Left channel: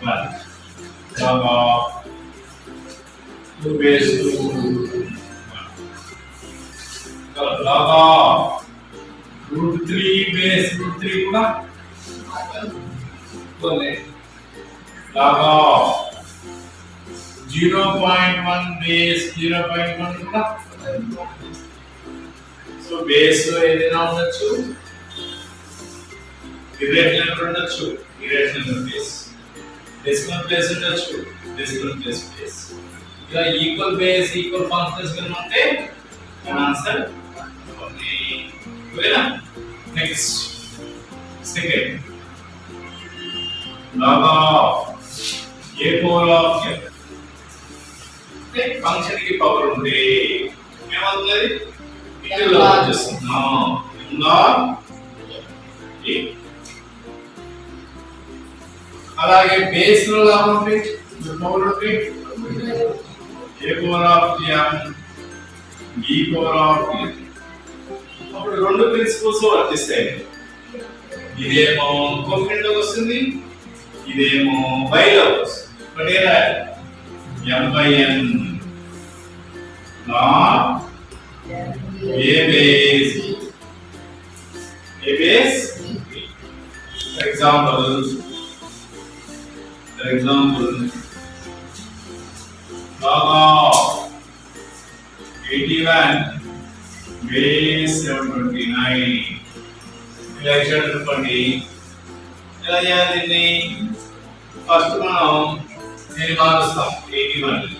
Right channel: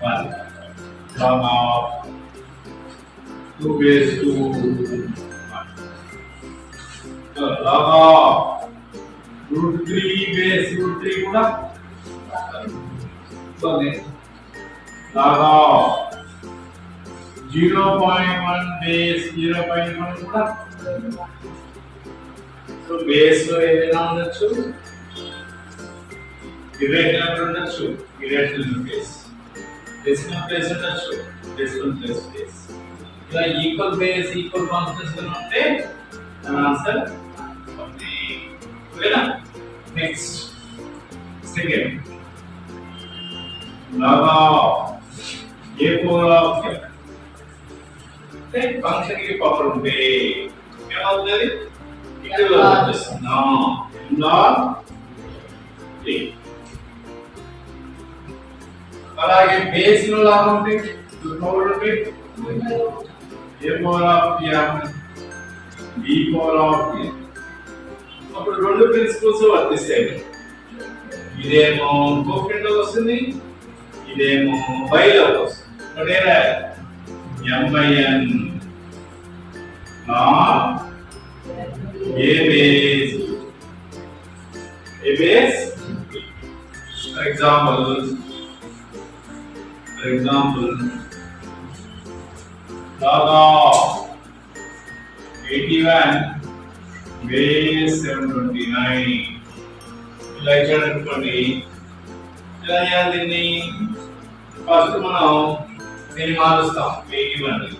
1. Log of 2 base 2 1. So log of root 3 base root 3 కూడా 1. Log of 0.1 base 0.1 కూడా so base ఏదైనా ఉండొచ్చు ఇర్రేషనల్ ఉండొచ్చు ఇర్రేషనల్ బేస్ డెసిమల్ ప్లేస్ ఉండొచ్చు డెసిమల్ ప్లేస్ బేస్ ఇలా ఈక్వల్ బేస్ ఈక్వల్ ఫంక్షన్స్ గా ఉంటే ఆన్సర్ ఓకే ఓకేనా next second log of a power of n అంటే ఫంక్షన్ కి పవర్ ఉంటే ఏమవుతుంది ఇట్లా వచ్చేస్తుంది log a అలాగే బేస్ లో లాభం ఉంటే పవర్ ఉంటే a power of m b power of n అప్పుడు రెండు ప్రిన్సిపల్స్ వర్తిస్తాయి ఇదేమో కోఎఫిషియంట్ లో వస్తుంది ఇదేమో బై లో వస్తుంది బట్ ఏలా m by n log a base for example log of 81 base 729 ఇలా ఇచ్చాడు అనుకోండి ఇలా చేయాలి ఫస్ట్ మనం దీన్ని మారుస్తాం 81